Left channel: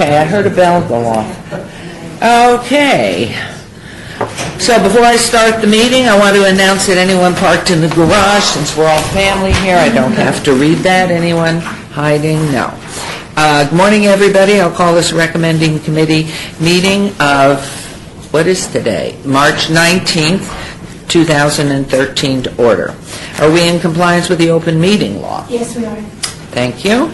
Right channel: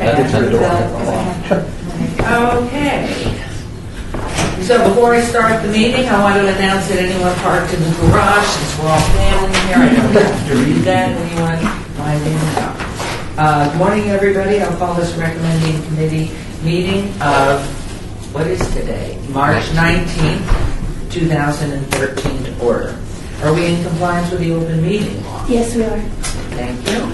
Okay, I heard a bell go off. Okay. So before I start the meeting, I want to announce that anyone parked in the garage, since we're all family here, I don't have to read that. Anyone hiding? No. Good morning, everybody. I'll call this recommending committee meeting of, what is today? March 19th, 2013 to order. Are we in compliance with the open meeting law? Yes, we are. Thank you.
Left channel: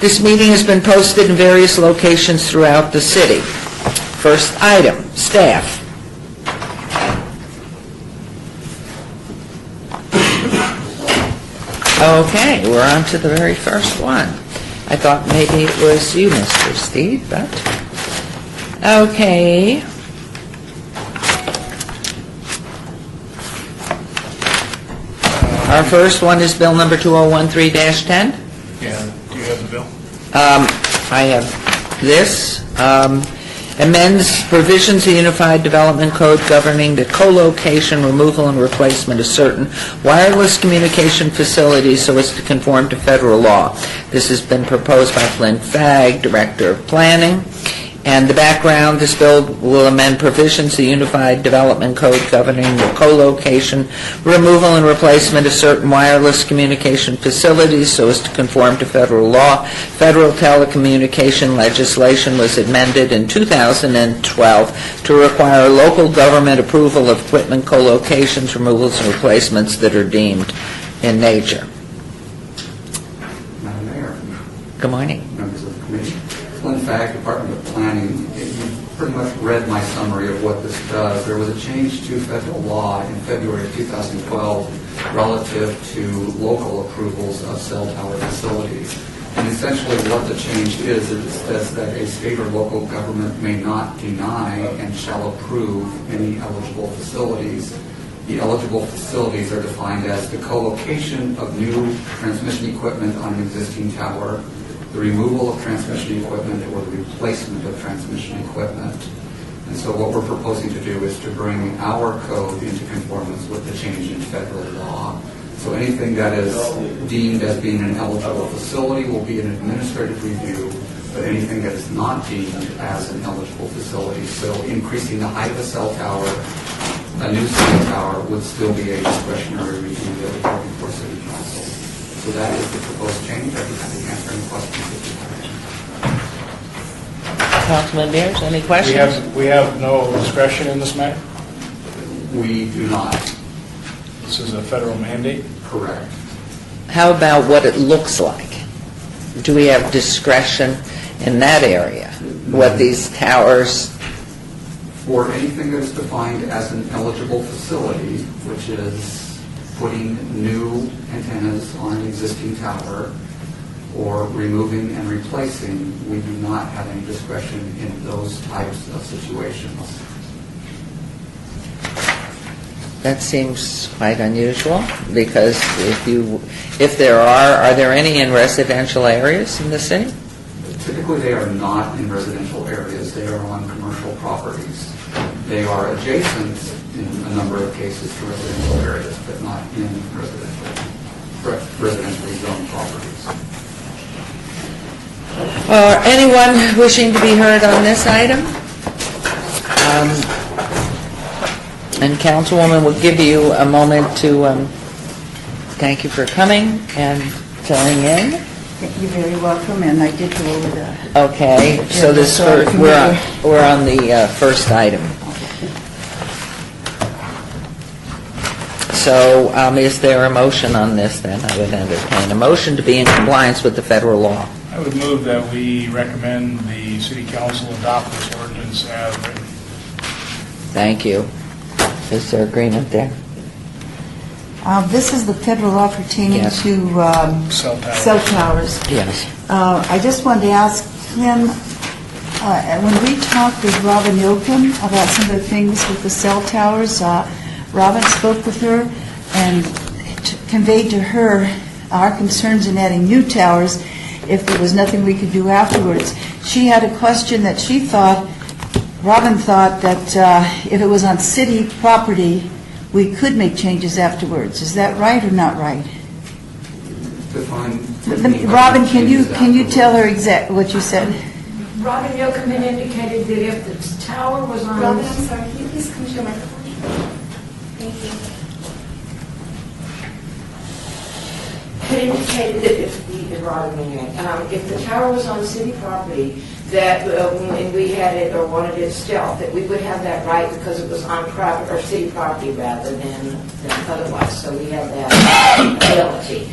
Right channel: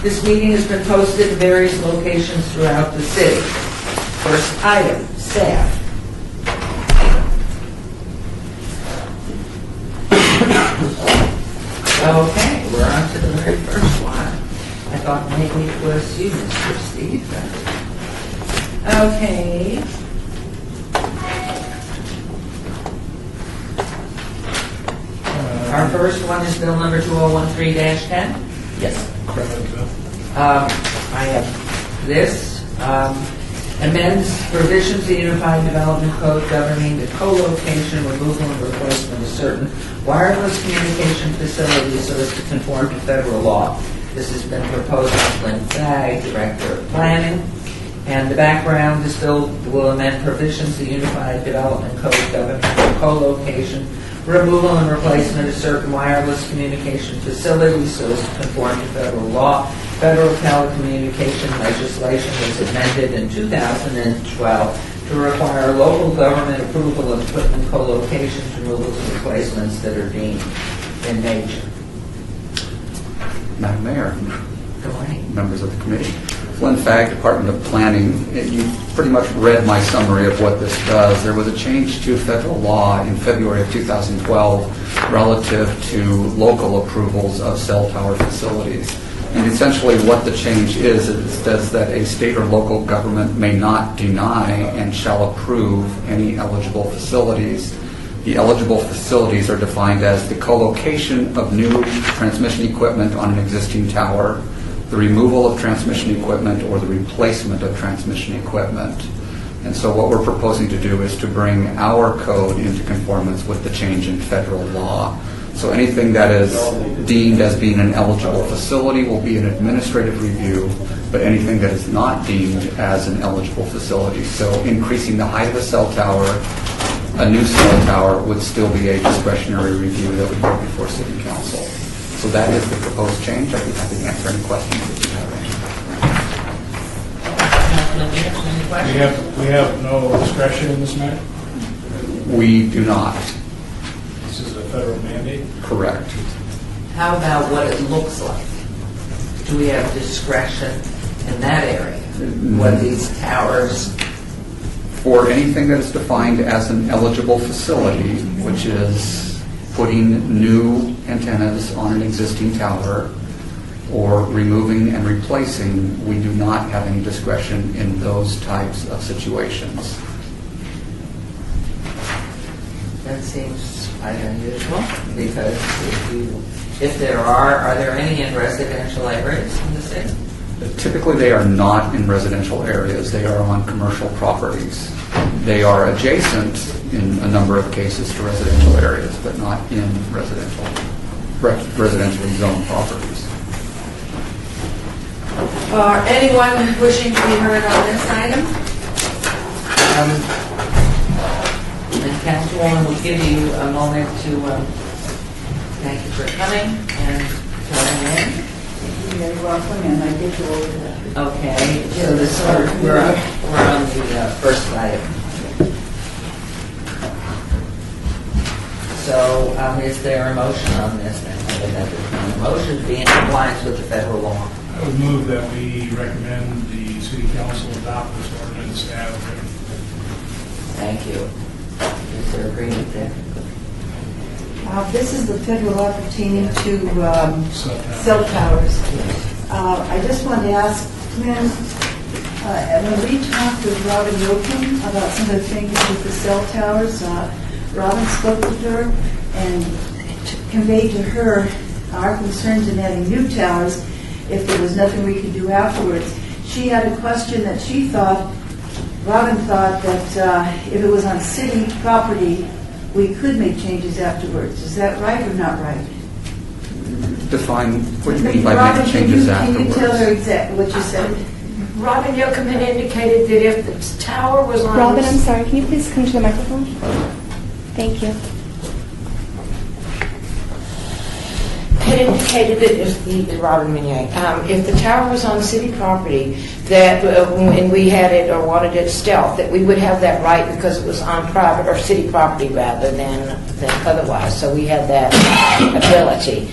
This meeting has been posted in various locations throughout the city. First item, staff. Okay, we're on to the very first one. I thought maybe it was you, Mr. Steve, but... Okay. Our first one is bill number 2013-10. Yes. Bill. I have this. Amends provisions of the Unified Development Code governing the co-location, removal, and replacement of certain wireless communication facilities so as to conform to federal law. This has been proposed by Flynn Fagg, Director of Planning. And the background, this bill will amend provisions of the Unified Development Code governing the co-location, removal, and replacement of certain wireless communication facilities so as to conform to federal law. Federal telecommunication legislation was amended in 2012 to require local government approval of equipment co-locations, removals, and replacements that are deemed in nature. Madam Mayor, Good morning. members of the committee. Flynn Fagg, Department of Planning. You've pretty much read my summary of what this does. There was a change to federal law in February of 2012 relative to local approvals of cell tower facilities. And essentially what the change is, it says that a state or local government may not deny and shall approve any eligible facilities. The eligible facilities are defined as the co-location of new transmission equipment on an existing tower, the removal of transmission equipment, or the replacement of transmission equipment. And so what we're proposing to do is to bring our code into conformance with the change in federal law. So anything that is deemed as being an eligible facility will be an administrative review, but anything that is not deemed as an eligible facility, so increasing the height of a cell tower, a new cell tower would still be a discretionary review that would go before City Council. So that is the proposed change. I'd be happy to answer any questions that you have. Councilman Beers, any questions? We have no discretion in this matter? We do not. This is a federal mandate? Correct. How about what it looks like? Do we have discretion in that area? What these towers... For anything that is defined as an eligible facility, which is putting new antennas on an existing tower or removing and replacing, we do not have any discretion in those types of situations. That seems quite unusual, because if there are there any in residential areas in the city? Typically, they are not in residential areas. They are on commercial properties. They are adjacent in a number of cases to residential areas, but not in residentially zoned properties. Anyone wishing to be heard on this item? And Councilwoman will give you a moment to thank you for coming and filling in. You're very welcome, and I did go over that. Okay, so this we're on the first item. So is there a motion on this then? I would entertain a motion to be in compliance with the federal law. I would move that we recommend the City Council adopt this ordinance as written. Thank you. Is there agreement there? This is the federal law pertaining Yes. to cell towers. Yes. I just wanted to ask Flynn, when we talked with Robin Yoakum about some of the things with the cell towers, Robin spoke with her and conveyed to her our concerns in adding new towers if there was nothing we could do afterwards. She had a question that she thought, Robin thought that if it was on city property, we could make changes afterwards. Is that right or not right? Define what you mean by Robin, can you changes tell her afterwards. exactly what you said? Robin Yocum had indicated that if the tower was on... Robin, I'm sorry, can you please come to the microphone? Thank you. Had indicated that if the tower was on city property, that, and we had it or wanted it stealth, that we would have that right because it was on private or city property rather than otherwise. So we had that ability.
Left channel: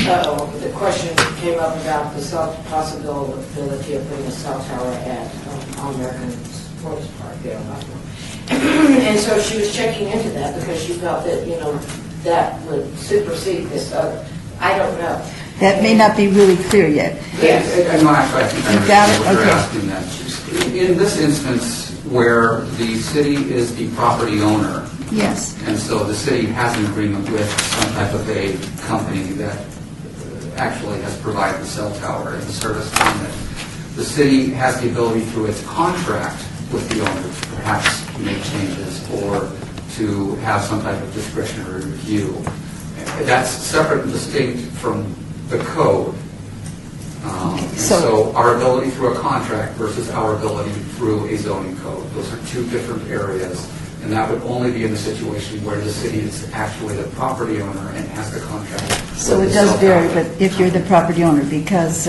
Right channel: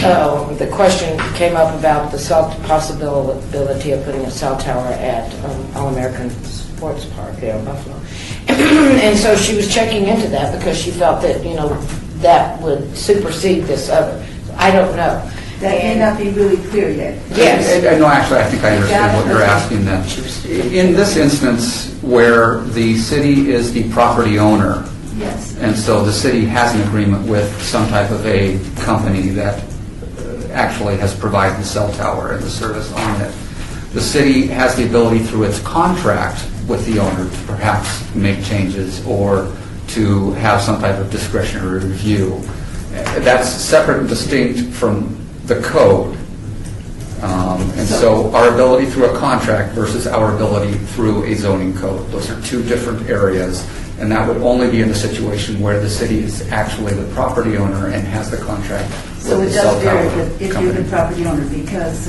So the question came up about the possibility of putting a cell tower at All-American Sports Park there in Buffalo. And so she was checking into that because she felt that, that would supersede this other. I don't know. That may not be really clear yet. Yes. No, actually, I think I understand what you're Okay. asking then. In this instance, where the city is the property owner, Yes. and so the city has an agreement with some type of a company that actually has provided the cell tower and the service on it, the city has the ability through its contract with the owner to perhaps make changes or to have some type of discretionary review. That's separate and distinct from the code. And so our ability through a contract versus our ability through a zoning code, those are two different areas. And that would only be in the situation where the city is actually the property owner and has the contract. So with it the does cell vary tower if you're the company. property owner, because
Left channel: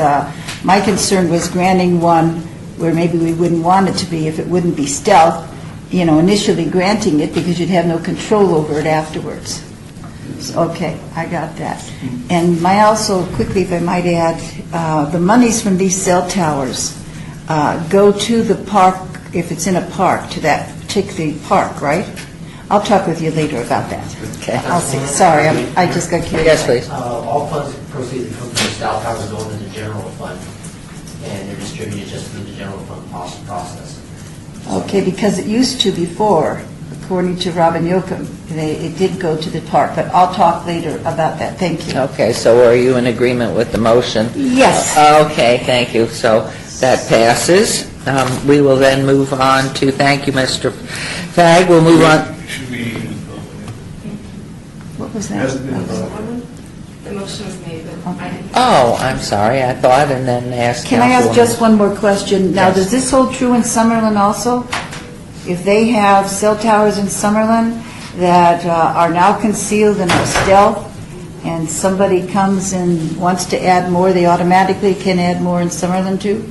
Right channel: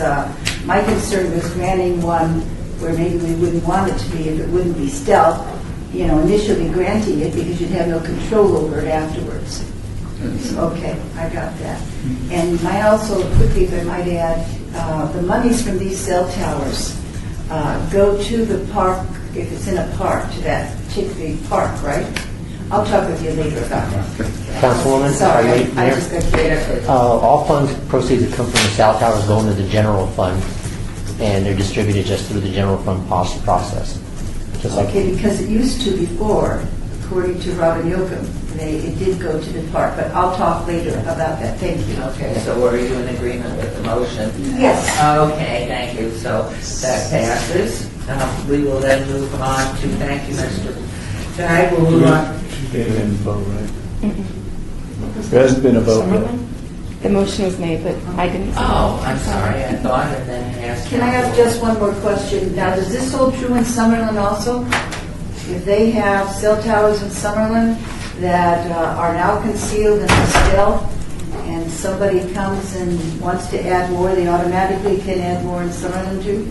my concern was granting one where maybe we wouldn't want it to be if it wouldn't be stealth, initially granting it because you'd have no control over it afterwards. Okay, I got that. And also, quickly, if I might add, the monies from these cell towers go to the park, if it's in a park, to that particular park, right? I'll talk with you later about that. Okay. Councilwoman? Sorry, I just got curious. Yes, please. All funds proceeds that come from the cell towers go into the general fund, and they're distributed just through the general fund process. Just like- Okay, because it used to before, according to Robin Yocum, it did go to the park, but I'll talk later about that. Thank you. Okay, so are you in agreement with the motion? Yes. Okay, thank you. So that passes. We will then move on to, thank you, Mr. Fagg. We'll move on. Should be a vote, right? What was There that? hasn't been a vote yet. The motion was made, but I didn't. Oh, I'm sorry, I thought, and then ask Can I ask Councilwoman. just one more question? Now, does this hold true in Summerlin also? If they have cell towers in Summerlin that are now concealed and are stealth, and somebody comes and wants to add more, they automatically can add more in Summerlin too?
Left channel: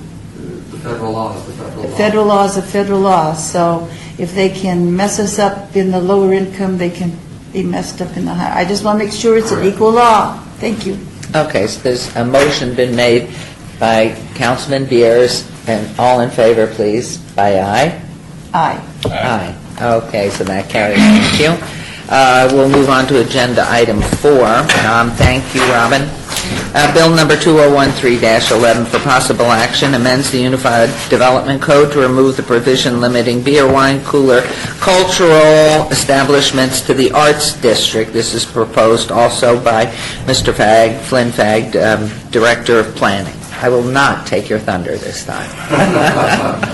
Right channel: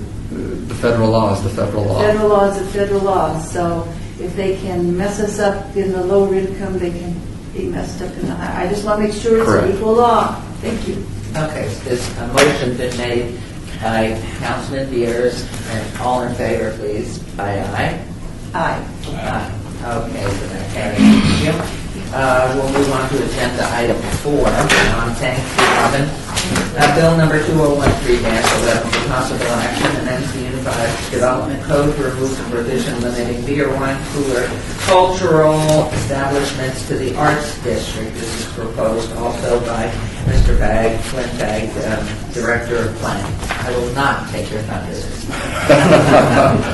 The federal law is the federal law. Federal law is a federal law, so if they can mess us up in the lower income, they can be messed up in the high. I just want to make sure it's an Correct. equal law. Thank you. Okay, so there's a motion been made by Councilman Beers, and all in favor, please, by aye. Aye. Aye. Okay, so that carries. Thank you. We'll move on to agenda item 4. Thank you, Robin. Bill number 2013-11 for possible action amends the Unified Development Code to remove the provision limiting beer, wine, cooler, cultural establishments to the Arts District. This is proposed also by Mr. Fagg, Flynn Fagg, Director of Planning. I will not take your thunder this time.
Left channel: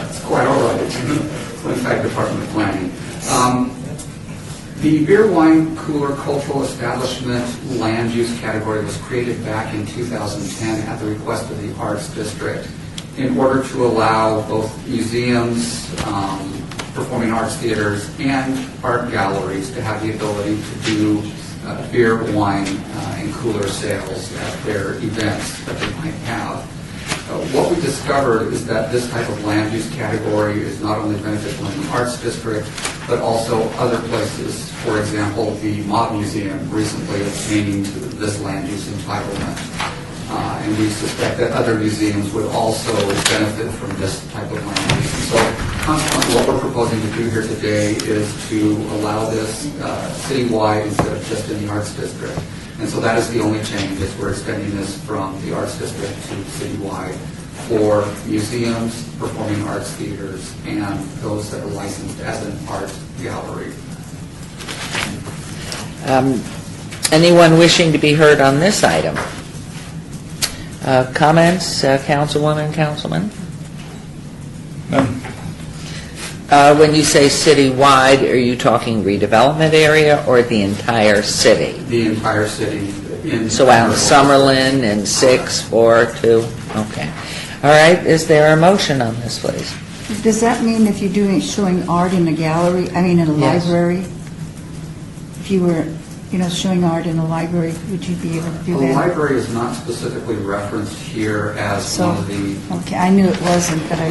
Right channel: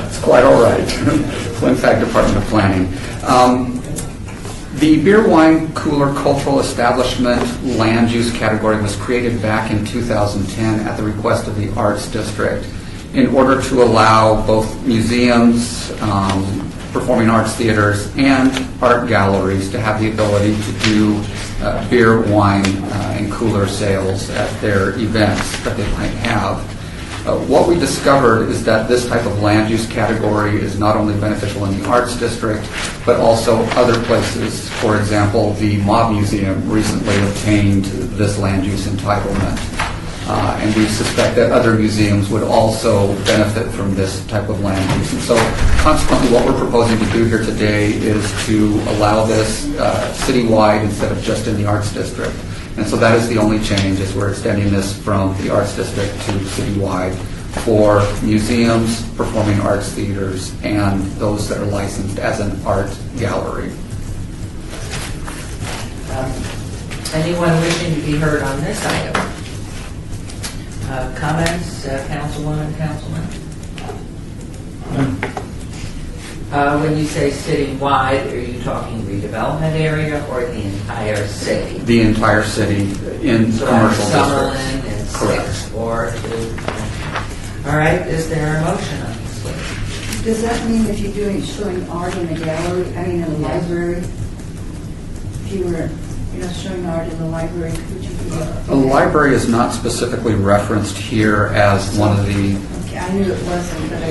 It's quite all right. Flint Fagg, Department of Planning. The beer, wine, cooler, cultural establishment land use category was created back in 2010 at the request of the Arts District in order to allow both museums, performing arts theaters, and art galleries to have the ability to do beer, wine, and cooler sales at their events that they might have. What we discovered is that this type of land use category is not only beneficial in the Arts District, but also other places. For example, the Mob Museum recently obtained this land use entitlement. And we suspect that other museums would also benefit from this type of land use. And so consequently, what we're proposing to do here today is to allow this citywide instead of just in the Arts District. And so that is the only change, is we're extending this from the Arts District to citywide for museums, performing arts theaters, and those that are licensed as an art gallery. Anyone wishing to be heard on this item? Comments, Councilwoman, Councilman? When you say citywide, are you talking redevelopment area or the entire city? The entire city in So out of commercial districts. Summerlin and 6, 4, 2, okay. All right, is there a motion on this, please? Does that mean if you're doing, showing art in a gallery, I mean in a Yes. library? If you were, showing art in a library, would you be able to The do that? library is not specifically referenced here as one of the, Okay, I knew it wasn't, but I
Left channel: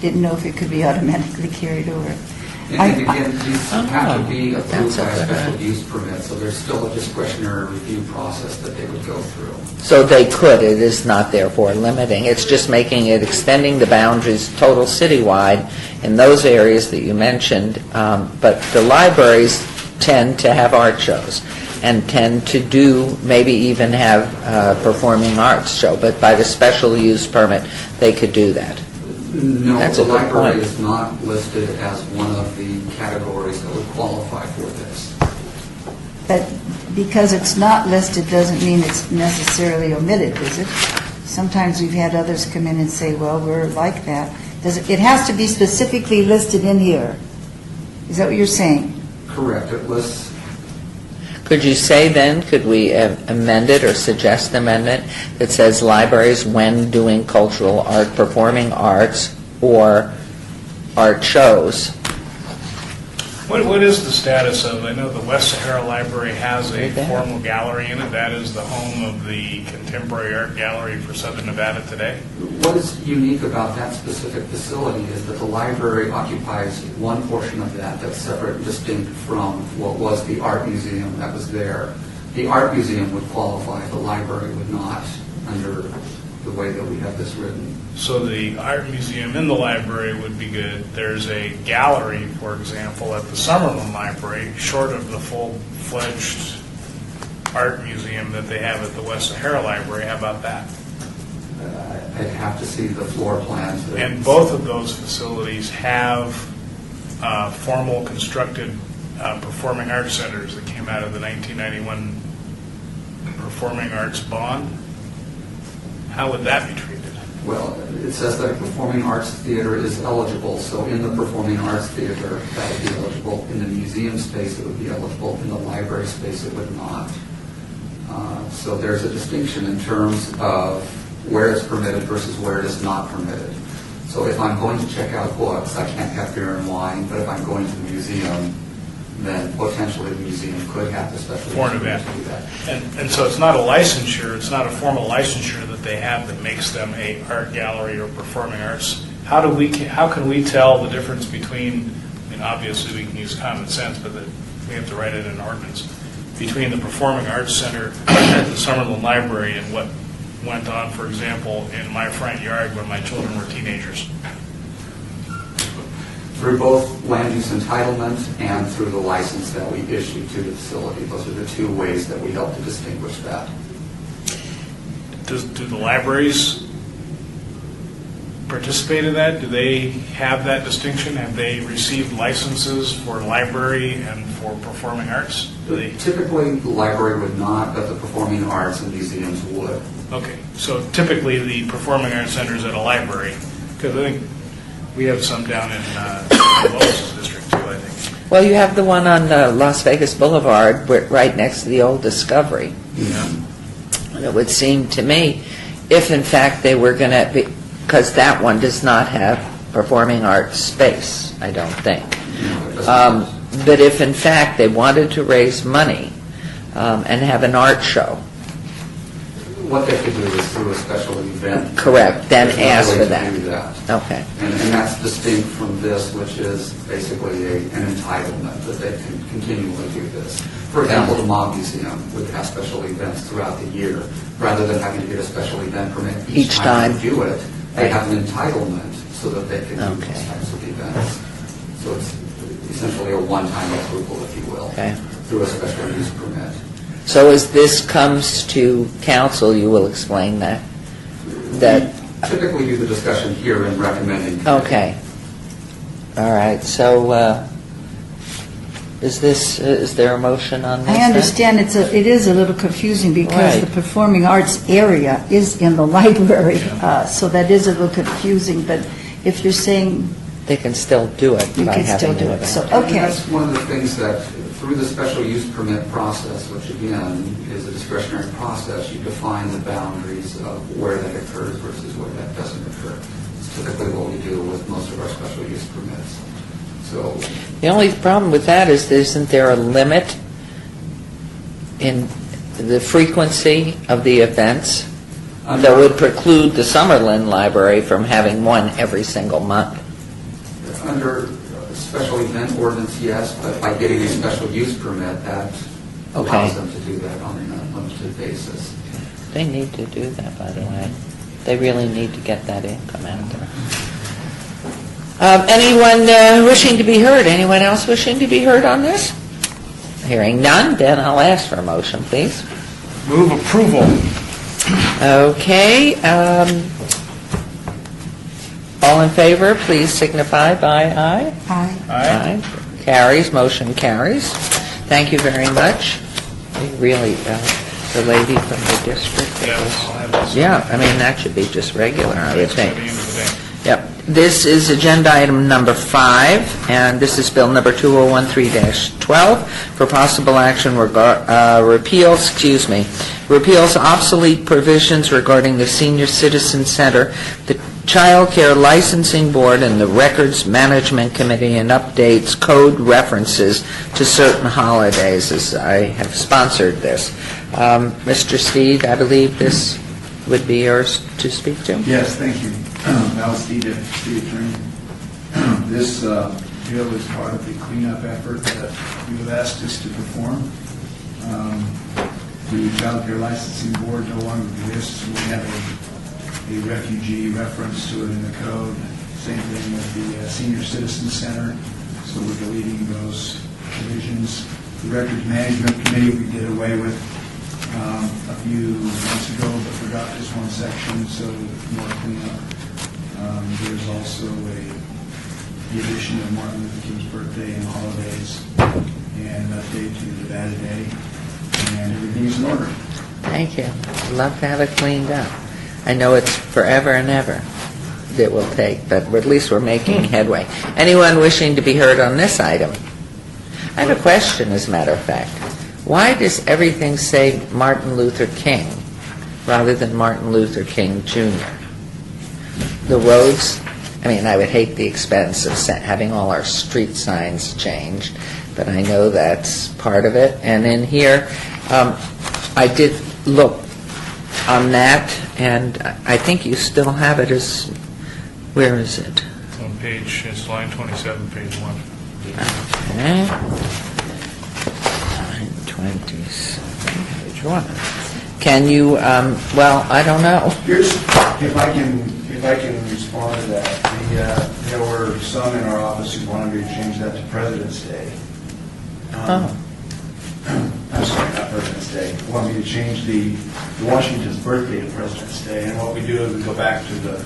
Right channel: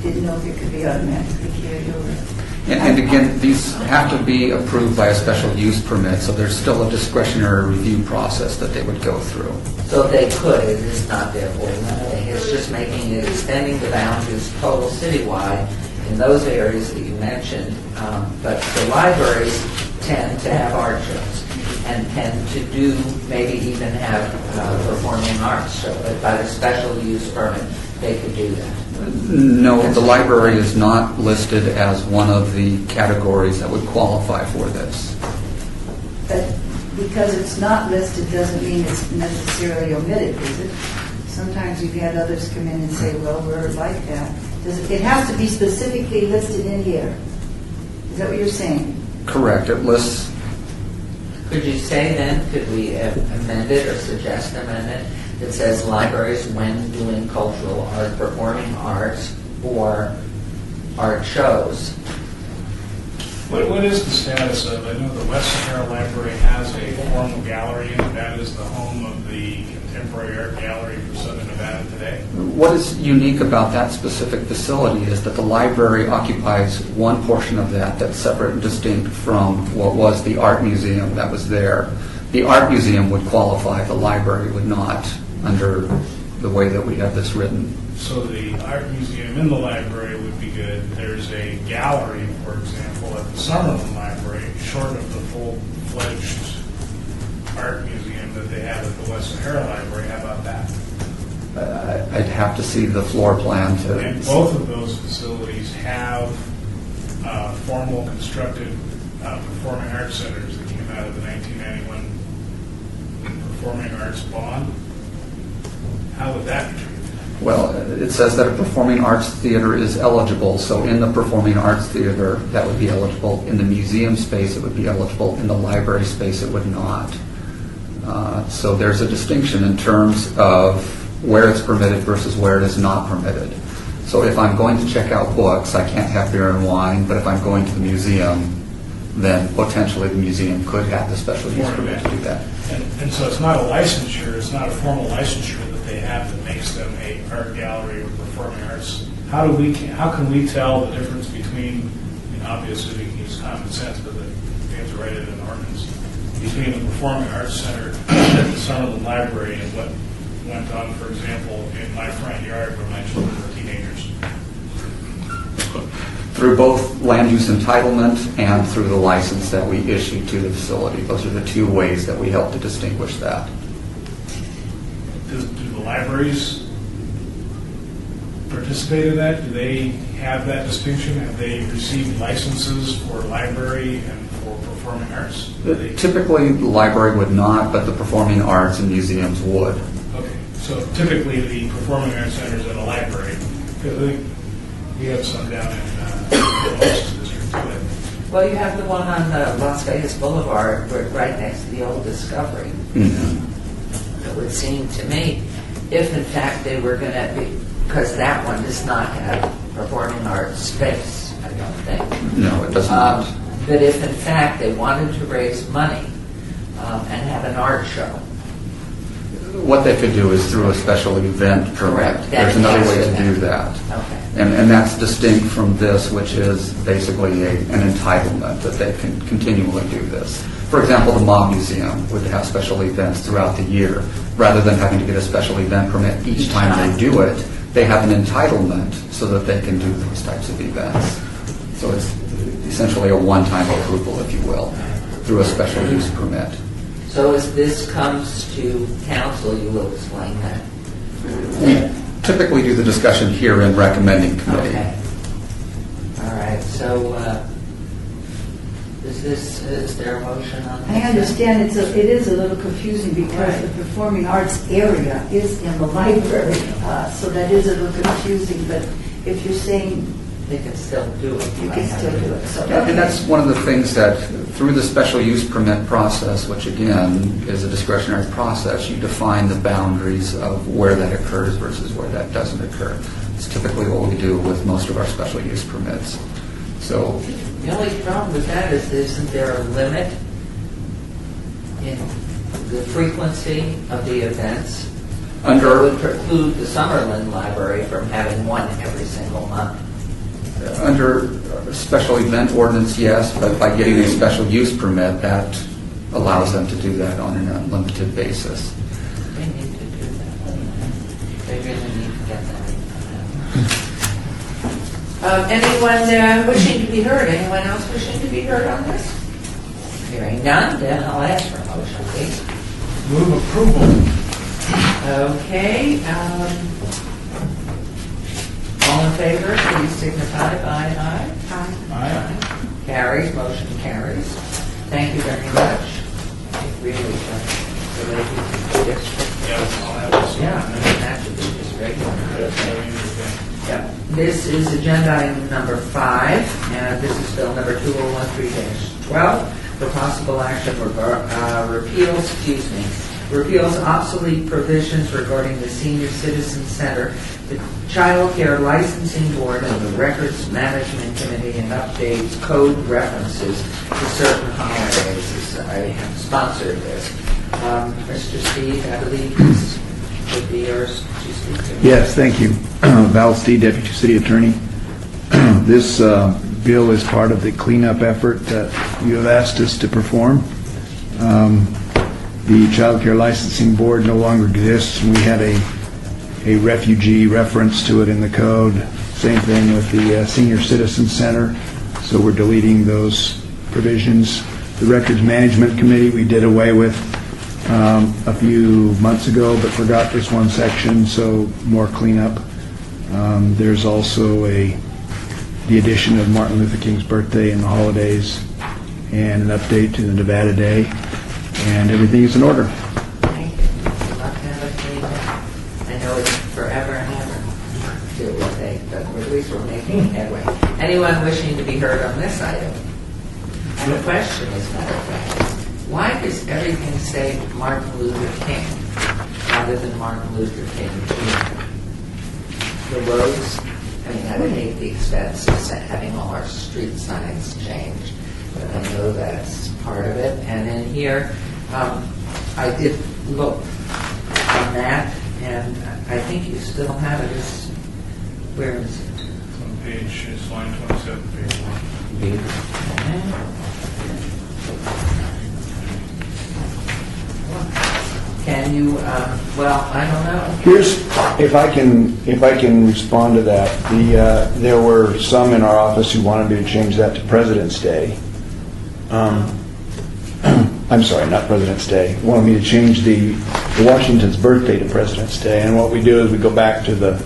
didn't know if it could be automatically carried over. and again, these have to be approved by a special use permit, so there's still a discretionary review process that they would go through. So they could, it is not therefore limiting, it's just making it, extending the boundaries total citywide in those areas that you mentioned, but the libraries tend to have art shows and tend to do, maybe even have performing arts show, but by the special use permit, they could do that. No, That's the a good library point. is not listed as one of the categories that would qualify for this. But because it's not listed doesn't mean it's necessarily omitted, is it? Sometimes we've had others come in and say, well, we're like that. It has to be specifically listed in here. Is that what you're saying? Correct, it lists, Could you say then, could we amend it or suggest an amendment that says libraries when doing cultural art, performing arts, or art shows? What is the status of, I know the West Sahara Library has a formal gallery in it. That is the home of the Contemporary Art Gallery for Southern Nevada today. what is unique about that specific facility is that the library occupies one portion of that that's separate and distinct from what was the art museum that was there. The art museum would qualify, the library would not, under the way that we have this written. So the art museum in the library would be good. There's a gallery, for example, at the Summerlin Library, short of the full-fledged art museum that they have at the West Sahara Library. How about that? I'd have to see the floor plan to... And both of those facilities have formal constructed performing arts centers that came out of the 1991 Performing Arts Bond. How would that be treated? Well, it says that a performing arts theater is eligible, so in the performing arts theater, that would be eligible. In the museum space, it would be eligible. In the library space, it would not. So there's a distinction in terms of where it's permitted versus where it is not permitted. So if I'm going to check out books, I can't have beer and wine, but if I'm going to the museum, then potentially the museum could have the special use permit to do that. And so it's not a licensure, it's not a formal licensure that they have that makes them a art gallery or performing arts. How can we tell the difference between, obviously we can use common sense, but we have to write it in an ordinance, between the Performing Arts Center at the Summerlin Library and what went on, for example, in my front yard when my children were teenagers? Through both land use entitlement and through the license that we issue to the facility. Those are the two ways that we help to distinguish that. Do the libraries participate in that? Do they have that distinction? Have they received licenses for library and for performing arts? Do they? Typically, the library would not, but the performing arts and museums would. Okay, so typically the performing arts centers at a library, because I think we have some down in Lois District too, I think. Well, you have the one on Las Vegas Boulevard, right next to the old Discovery. It would seem to me, if in fact they were going to, because that one does not have performing arts space, I don't think. No, it does not. But if in fact they wanted to raise money and have an art show, What they could do is through a special event. Correct, then There's another ask way for to that. do that. okay. And that's distinct from this, which is basically an entitlement that they can continually do this. For example, the Mob Museum would have special events throughout the year. Rather than having to get a special event permit each time they do it, they have an entitlement so that they can do those types of events. So it's essentially a one-time approval, if you will, Okay. through a special use permit. So as this comes to council, you will explain that? Typically do the discussion here in recommending committee. Okay. All right, so is there a motion on this? I then? understand it is a little confusing because Right. the performing arts area is in the library, so that is a little confusing, but if you're saying They can still do it. you by can still having do an it, so, event. And okay. that's one of the things that through the special use permit process, which again is a discretionary process, you define the boundaries of where that occurs versus where that doesn't occur. It's typically what we do with most of our special use permits. So The only problem with that is, isn't there a limit in the frequency of the events that would preclude the Summerlin Library from having one every single month? under special event ordinance, yes, but by getting a special use permit, that allows them to do that on an unlimited basis. They need to do that, by the way. They really need to get that income out there. Anyone wishing to be heard? Anyone else wishing to be heard on this? Hearing none, then I'll ask for a motion, please. Move approval. Okay. All in favor, please signify by aye. Aye. Aye. Carries, motion carries. Thank you very much. Really, the lady from the district. Yeah, I'll have this. Yeah, I mean, that should be just regular, I would That's what think. you would think. Yep. This is agenda item number 5, and this is bill number 2013-12 for possible action repeals obsolete provisions regarding the Senior Citizen Center, the Child Care Licensing Board, and the Records Management Committee, and updates code references to certain holidays, as I have sponsored this. Mr. Steed, I believe this would be yours to speak to. Yes, thank you. Val Steed, Deputy City Attorney. This bill is part of the cleanup effort that you have asked us to perform. The Child Care Licensing Board no longer exists, and we had a refugee reference to it in the code. Same thing with the Senior Citizen Center, so we're deleting those provisions. The Records Management Committee we did away with a few months ago, but forgot this one section, so more cleanup. There's also the addition of Martin Luther King's birthday and the holidays, and an update to the Nevada Day, and everything is in order. Thank you. I'd love to have it cleaned up. I know it's forever and ever it will take, but at least we're making headway. Anyone wishing to be heard on this item? I have a question, as a matter of fact. Why does everything say Martin Luther King rather than Martin Luther King Jr.? The roads, I mean, I would hate the expense of having all our street signs changed, but I know that's part of it. And in here, I did look on that, and I think you still have it as, where is it? It's on page, it's line 27, page 1. Okay. 927, which one? Can you, well, I don't know. Here's, if I can respond to that, there were some in our office who wanted me to change that to President's Day. I'm sorry, not President's Day. Wanted me to change the Washington's birthday to President's Day, and what we do is we go back to the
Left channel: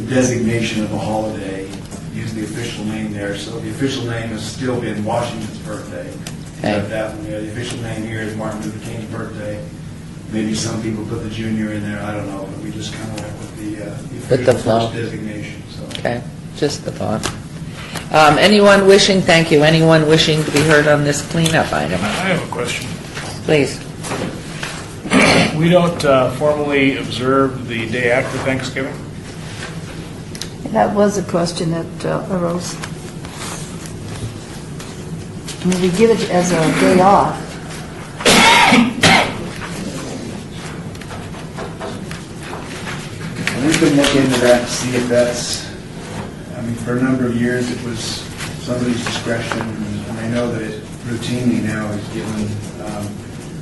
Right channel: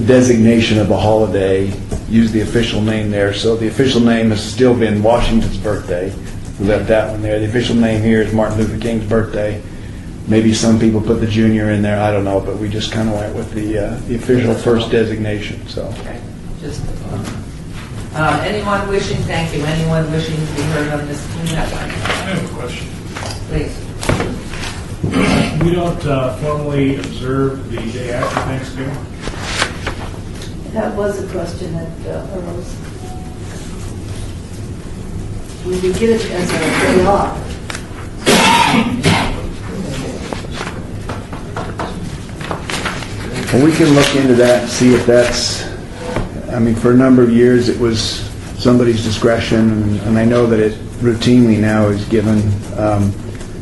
designation of a holiday, use the official name there. So the official name has still been Washington's birthday. We got that one there. The official name here is Martin Luther King's birthday. Maybe some people put the junior in there, I don't know, but we just kind of went with the official the flow. first designation, so. Okay, just the thought. Anyone wishing, thank you, anyone wishing to be heard on this cleanup item? I have a question. Please. We don't formally observe the day after Thanksgiving? That was a question that arose. I mean, we give it as a day off. Well, we can look into that and see if that's, I mean, for a number of years, it was somebody's discretion, and I know that it routinely now is given.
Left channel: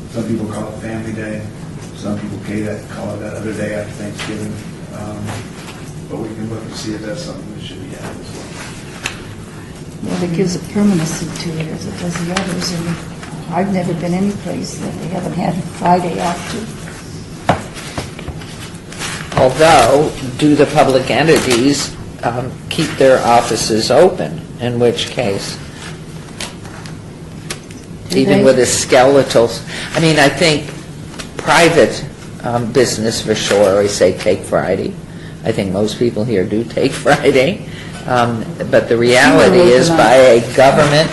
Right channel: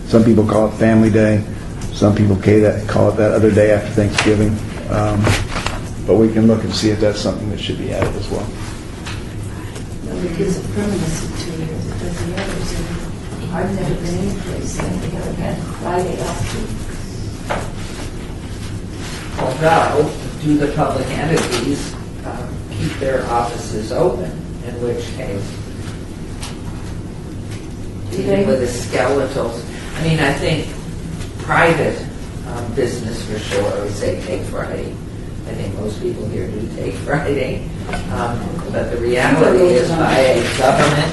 Some people call it Family Day. Some people call it that other day after Thanksgiving. But we can look and see if that's something that should be added as well. Well, it gives a permanency to it as it does the others. And I've never been any place that they haven't had Friday off. Although, do the public entities keep their offices open, in which case? Even they? with a skeletal, I mean, I think private business for sure, we say take Friday. I think most people here do take Friday. But the reality is by a government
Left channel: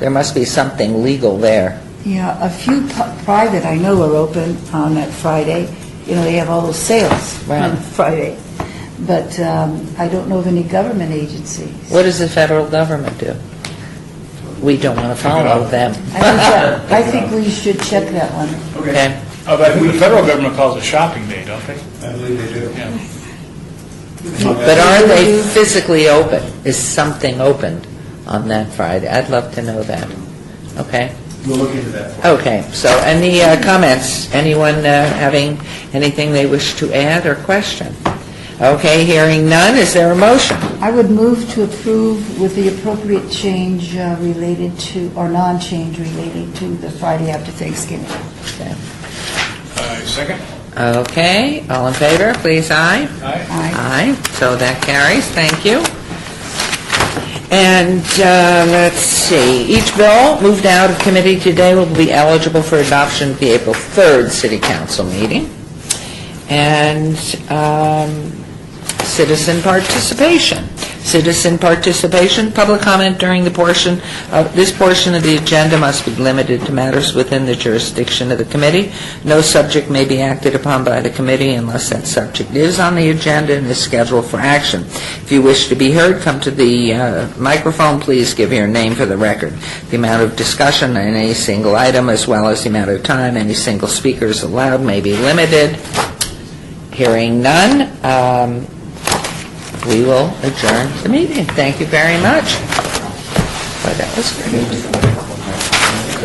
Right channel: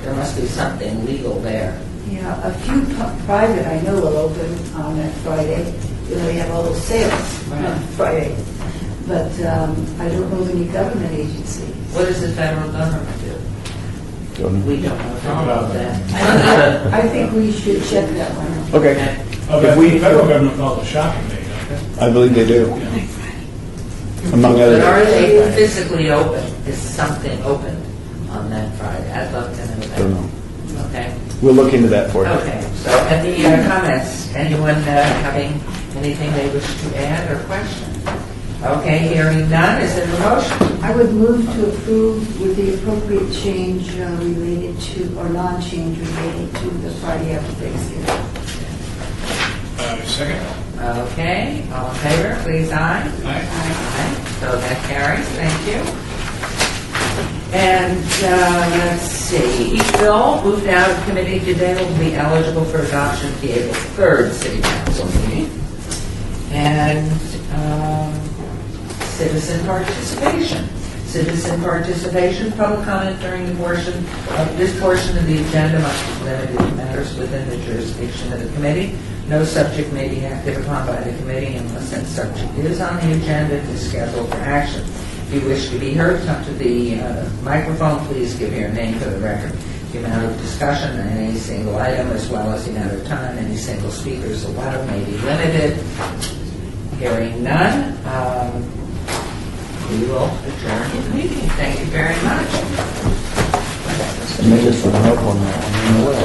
There must be something legal there. Yeah, a few private I know will open on that Friday. You know, they have all those sales Right. on Friday. But I don't know of any government agencies. What does the federal government do? We don't want to follow them. I think we should check that one. Okay. Oh, the federal government calls it shopping day, don't they? I believe they do. Yeah. But are they physically open? Is something opened on that Friday? I'd love to know that. Okay? We'll look into that for you. Okay, so any comments? Anyone having anything they wish to add or question? Okay, hearing none, is there a motion? I would move to approve with the appropriate change related to, or non-change relating to the Friday after Thanksgiving. Second? Okay, all in favor, please, aye. Aye. Aye, so that carries, thank you. And let's see, each bill moved out of committee today will be eligible for adoption at the April 3rd City Council meeting. And citizen participation. Citizen participation, public comment during this portion of the agenda must be limited to matters within the jurisdiction of the committee. No subject may be acted upon by the committee unless that subject is on the agenda and is scheduled for action. If you wish to be heard, come to the microphone. Please give your name for the record. The amount of discussion on any single item, as well as the amount of time any single speaker is allowed, may be limited. Hearing none, we will adjourn the meeting. Thank you very much. Well, that was good.